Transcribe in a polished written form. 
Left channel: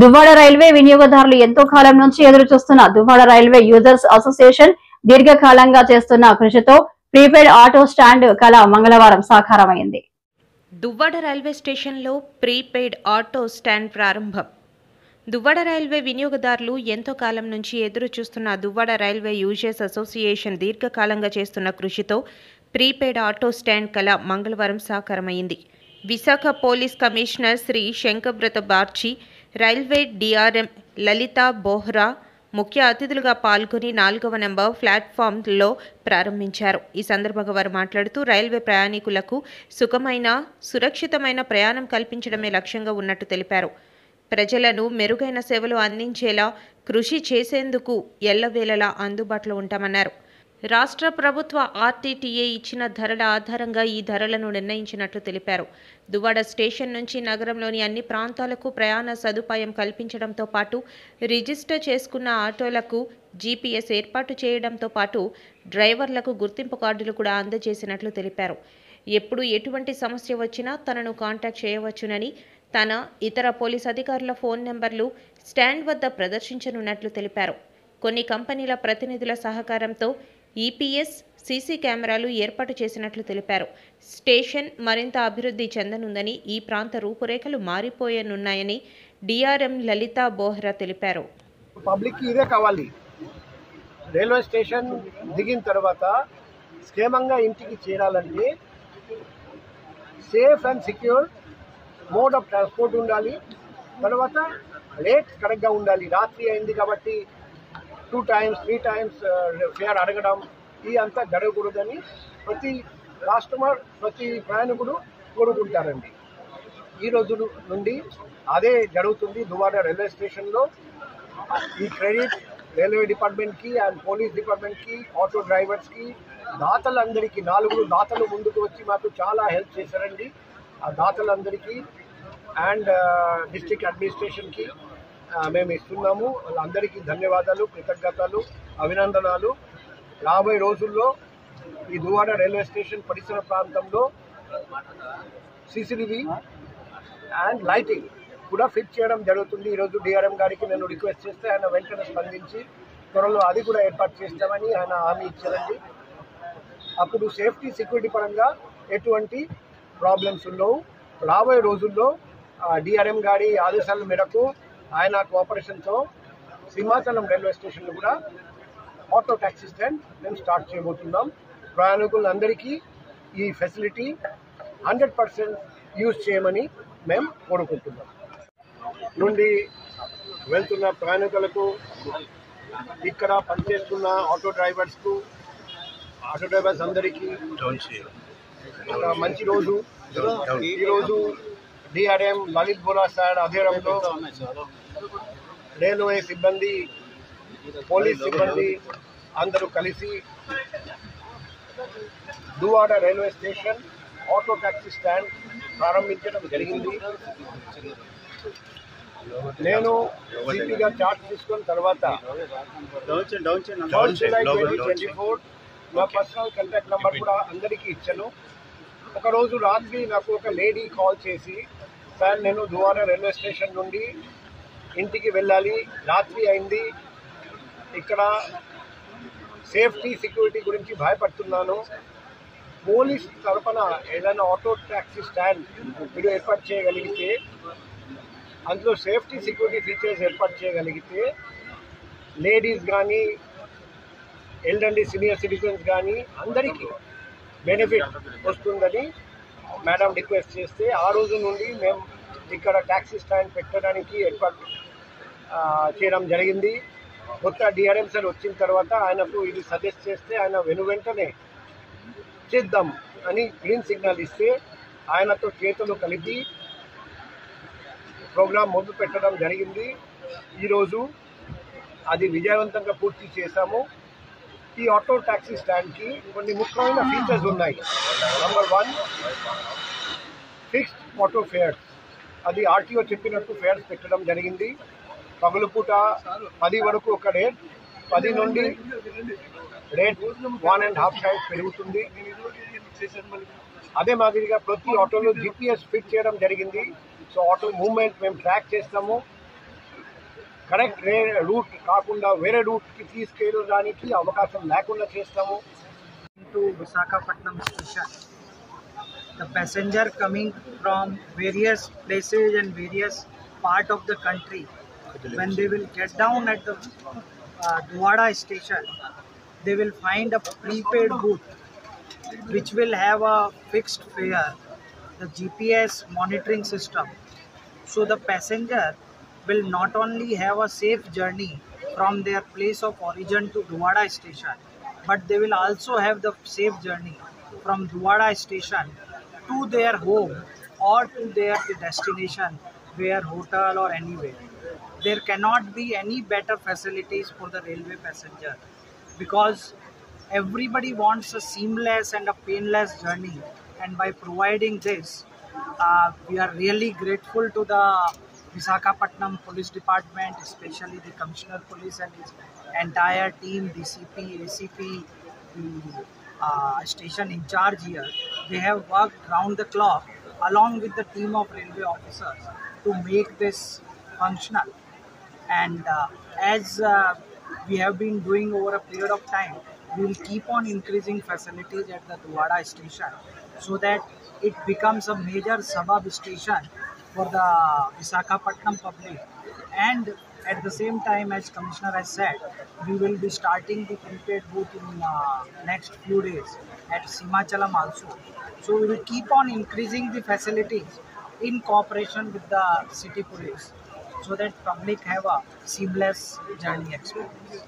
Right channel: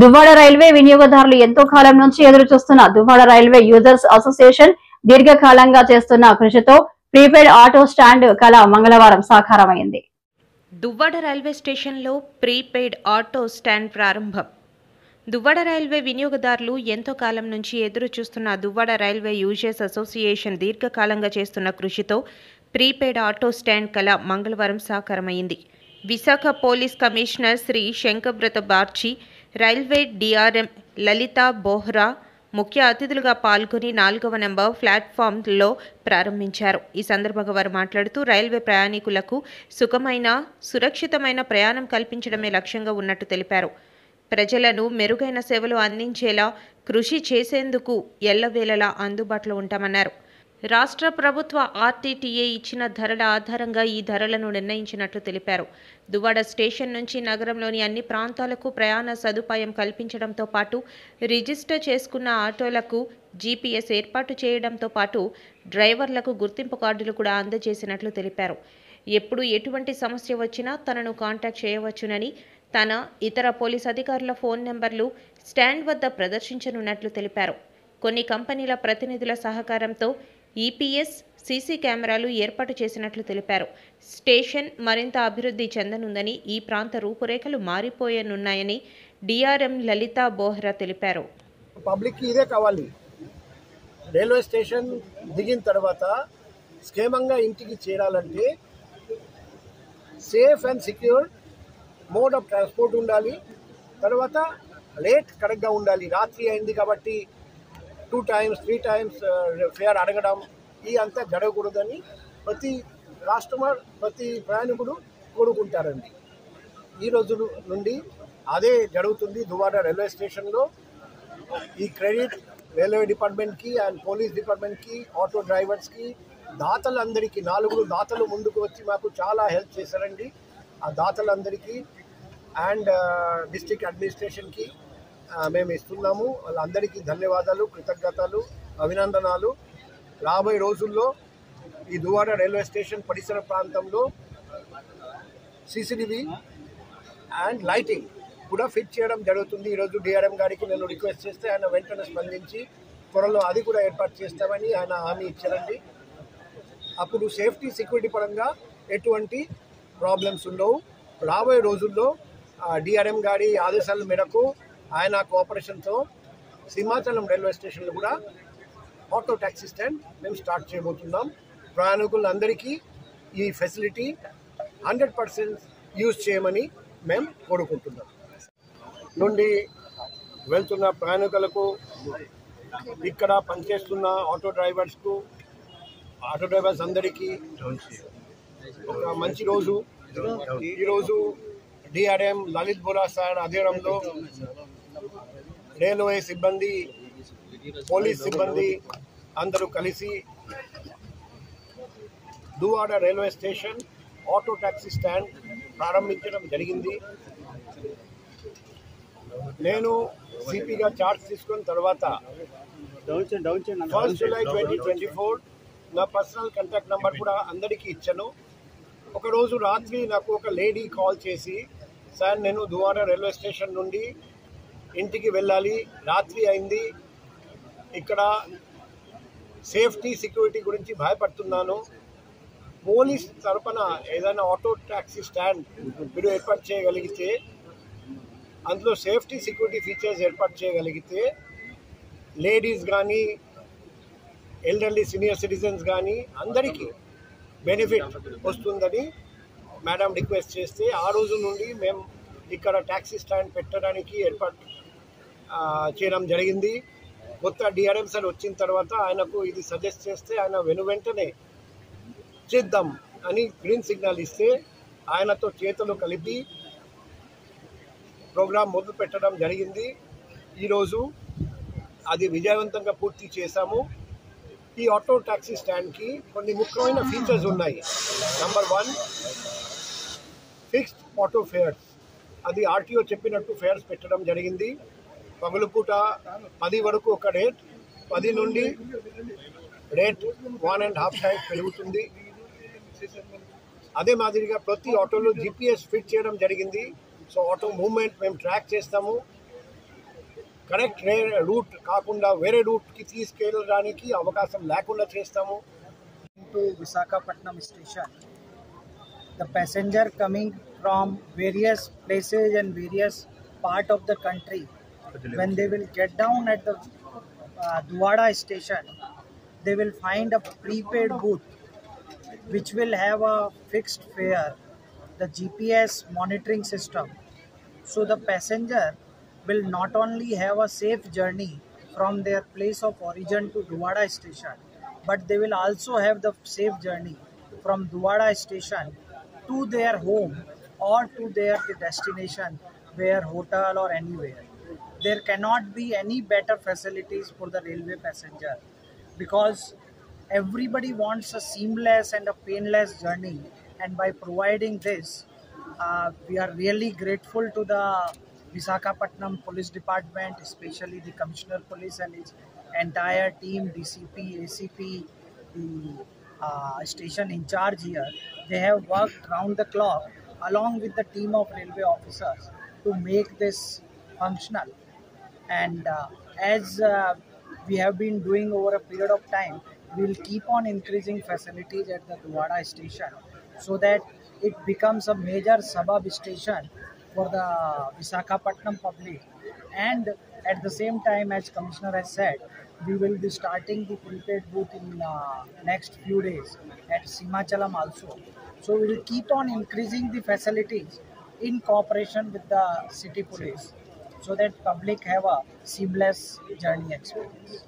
Duvvada railway వినియోగదారులు ఎంతో కాలం నుంచి ఎదురు చూస్తున్న దువ్వాడ రైల్వే యూజర్స్ అసోసియేషన్ దీర్ఘకాలంగా చేస్తున్న కృషితో ప్రీపెయిడ్ ఆటో స్టాండ్ కళ మంగళవారం సాకారమైంది. దువ్వాడ రైల్వే స్టేషన్లో ప్రీపెయిడ్ ఆటో స్టాండ్ ప్రారంభం. దువ్వాడ రైల్వే వినియోగదారులు ఎంతో కాలం నుంచి ఎదురు చూస్తున్న దువ్వాడ రైల్వే యూజర్స్ అసోసియేషన్ దీర్ఘకాలంగా చేస్తున్న కృషితో ప్రీపెయిడ్ ఆటో స్టాండ్ కళ మంగళవారం సాకారమైంది. Visakha police commissioner Shri Shankhabrata Bagchi, railway DRM Lalitha Bohra ముఖ్య అతిథులుగా పాల్గొని 4వ నెంబర్ ప్లాట్ఫామ్లో ప్రారంభించారు. ఈ సందర్భంగా వారు మాట్లాడుతూ రైల్వే ప్రయాణికులకు సుఖమైన, సురక్షితమైన ప్రయాణం కల్పించడమే లక్ష్యంగా ఉన్నట్టు తెలిపారు. ప్రజలను మెరుగైన సేవలు అందించేలా కృషి చేసేందుకు ఎల్లవేళలా అందుబాటులో ఉంటామన్నారు. రాష్ట్ర ప్రభుత్వ ఆర్టీటీఏ ఇచ్చిన ధరల ఆధారంగా ఈ ధరలను నిర్ణయించినట్లు తెలిపారు. దువ్వాడ స్టేషన్ నుంచి నగరంలోని అన్ని ప్రాంతాలకు ప్రయాణ సదుపాయం కల్పించడంతో పాటు రిజిస్టర్ చేసుకున్న ఆటోలకు జీపీఎస్ ఏర్పాటు చేయడంతో పాటు డ్రైవర్లకు గుర్తింపు కార్డులు కూడా అందజేసినట్లు తెలిపారు. ఎప్పుడు ఎటువంటి సమస్య వచ్చినా తనను కాంటాక్ట్ చేయవచ్చునని, తన ఇతర పోలీస్ అధికారుల ఫోన్ నెంబర్లు స్టాండ్ వద్ద ప్రదర్శించనున్నట్లు తెలిపారు. కొన్ని కంపెనీల ప్రతినిధుల సహకారంతో ఈపీఎస్, సీసీ కెమెరాలు ఏర్పాటు చేసినట్లు తెలిపారు. స్టేషన్ మరింత అభివృద్ధి చెందనుందని, ఈ ప్రాంత రూపురేఖలు మారిపోయనున్నాయని డిఆర్ఎం లలితా బోహ్రా తెలిపారు. పబ్లిక్ ఇదే కావాలి. రైల్వే స్టేషన్ దిగిన తర్వాత క్షేమంగా ఇంటికి చేరాలంటే safe and secure mode of transport ఉండాలి. తర్వాత రేట్ కరెక్ట్గా ఉండాలి. రాత్రి అయింది కాబట్టి 2 times 3 times ఫేర్ అడగడం ఈ అంతా జరగకూడదని ప్రతి కస్టమర్, ప్రతి ప్రయాణికుడు కోరుకుంటారండి. ఈ రోజు నుండి అదే జరుగుతుంది. దువ్వాడ రైల్వే స్టేషన్లో ఈ క్రెడిట్ రైల్వే డిపార్ట్మెంట్కి అండ్ పోలీస్ డిపార్ట్మెంట్కి, ఆటో డ్రైవర్స్కి, దాతలందరికీ 4 దాతలు ముందుకు వచ్చి మాకు చాలా హెల్ప్ చేశారండి. ఆ దాతలందరికీ అండ్ డిస్ట్రిక్ట్ అడ్మినిస్ట్రేషన్కి మేము ఇస్తున్నాము. వాళ్ళందరికీ ధన్యవాదాలు, కృతజ్ఞతలు, అభినందనాలు. రాబోయే రోజుల్లో ఈ దువ్వాడ రైల్వే స్టేషన్ పరిసర ప్రాంతంలో సీసీటీవీ అండ్ లైటింగ్ కూడా ఫిట్ చేయడం జరుగుతుంది. ఈరోజు డిఆర్ఎం గారికి నేను రిక్వెస్ట్ చేస్తే ఆయన వెంటనే స్పందించి త్వరలో అది కూడా ఏర్పాటు చేస్తామని ఆయన హామీ ఇచ్చారండి. అప్పుడు సేఫ్టీ, సెక్యూరిటీ పరంగా ఎటువంటి ప్రాబ్లమ్స్ ఉండవు. రాబోయే రోజుల్లో డిఆర్ఎం గారి ఆదేశాల మేరకు ఆయన కోఆపరేషన్తో సింహాచలం రైల్వే స్టేషన్లో కూడా ఆటో ట్యాక్సీ స్టాండ్ మేము స్టార్ట్ చేయబోతున్నాం. ప్రయాణికులందరికీ ఈ ఫెసిలిటీ 100% యూజ్ చేయమని మేము కోరుకుంటున్నాం. నుండి వెళ్తున్న ప్రయాణికులకు, ఇక్కడ పనిచేస్తున్న ఆటో డ్రైవర్స్ అందరికీ మంచి రోజు. ఈరోజు డిఆర్ఎం లలిత్ బోరా సార్ ఆధ్వర్యంలో రైల్వే సిబ్బంది, పోలీస్ సిబ్బంది అందరూ కలిసి Duvvada railway station auto taxi stand ప్రారంభించడం జరిగింది. నేను సిపిగా చార్జ్ తీసుకున్న తర్వాత జూలై 2024 నా పర్సనల్ కాంటాక్ట్ నెంబర్ కూడా అందరికీ ఇచ్చాను. ఒకరోజు రాత్రి నాకు ఒక లేడీ కాల్ చేసి, సార్ నేను దువ్వాడ రైల్వే స్టేషన్ నుండి ఇంటికి వెళ్ళాలి, రాత్రి అయింది, ఇక్కడ సేఫ్టీ, సెక్యూరిటీ గురించి భయపడుతున్నాను, పోలీస్ తరపున ఏదైనా ఆటో ట్యాక్సీ స్టాండ్ మీరు ఏర్పాటు చేయగలిగితే, అందులో సేఫ్టీ, సెక్యూరిటీ ఫీచర్స్ ఏర్పాటు చేయగలిగితే లేడీస్ కానీ, ఎల్డర్లీ సీనియర్ సిటిజన్స్ కానీ అందరికీ బెనిఫిట్ వస్తుందని మేడం రిక్వెస్ట్ చేస్తే, ఆ రోజు నుండి మేము ఇక్కడ ట్యాక్సీ స్టాండ్ పెట్టడానికి ఏర్పాటు చేయడం జరిగింది. కొత్త డిఆర్ఎం సార్ వచ్చిన తర్వాత ఆయనకు ఇది సజెస్ట్ చేస్తే ఆయన వెంటనే చేద్దాం అని గ్రీన్ సిగ్నల్ ఇస్తే ఆయనతో చేతులు కలిపి ప్రోగ్రాం మొదలు పెట్టడం జరిగింది. ఈరోజు అది విజయవంతంగా పూర్తి చేశాము. ఈ ఆటో ట్యాక్సీ స్టాండ్కి కొన్ని ముఖ్యమైన ఫీచర్స్ ఉన్నాయి. Number 1, fixed auto fares. అది ఆర్టీఓ చెప్పినట్టు ఫేర్స్ పెట్టడం జరిగింది. పగలుపూట 10 వరకు ఒక రేట్, 10 నుండి రేట్ 1.5 టైమ్స్ పెరుగుతుంది. అదే మాదిరిగా ప్రతి ఆటోలో జీపీఎస్ ఫిట్ చేయడం జరిగింది. సో ఆటో మూవ్మెంట్ మేము ట్రాక్ చేస్తాము. కరెక్ట్ రూట్ కాకుండా వేరే రూట్కి తీసుకెళ్ళడానికి అవకాశం లేకుండా చేస్తాము. To Visakhapatnam station, the passenger coming from various places and various part of the country, when they will get down at the Duvada station, they will find a prepaid booth which will have a fixed fare, the GPS monitoring system. So the passenger will not only have a safe journey from their place of origin to Duvada station, but they will also have the safe journey from Duvada station to their home or to their destination, where hotel or anywhere. There cannot be any better facilities for the railway passenger, because everybody wants a seamless and a painless journey, and by providing this, we are really grateful to the Visakhapatnam Police Department, especially the Commissioner Police and his entire team, DCP, ACP, the station in charge here. They have worked round the clock along with the team of railway officers to make this functional. And as we have been doing over a period of time, we will keep on increasing facilities at the Duvada station so that it becomes a major suburb station for the Visakhapatnam public. And at the same time, as Commissioner has said, we will be starting the prepaid booth in next few days at Simachalam also. So we will keep on increasing the facilities in cooperation with the city police, so that public have a seamless journey experience.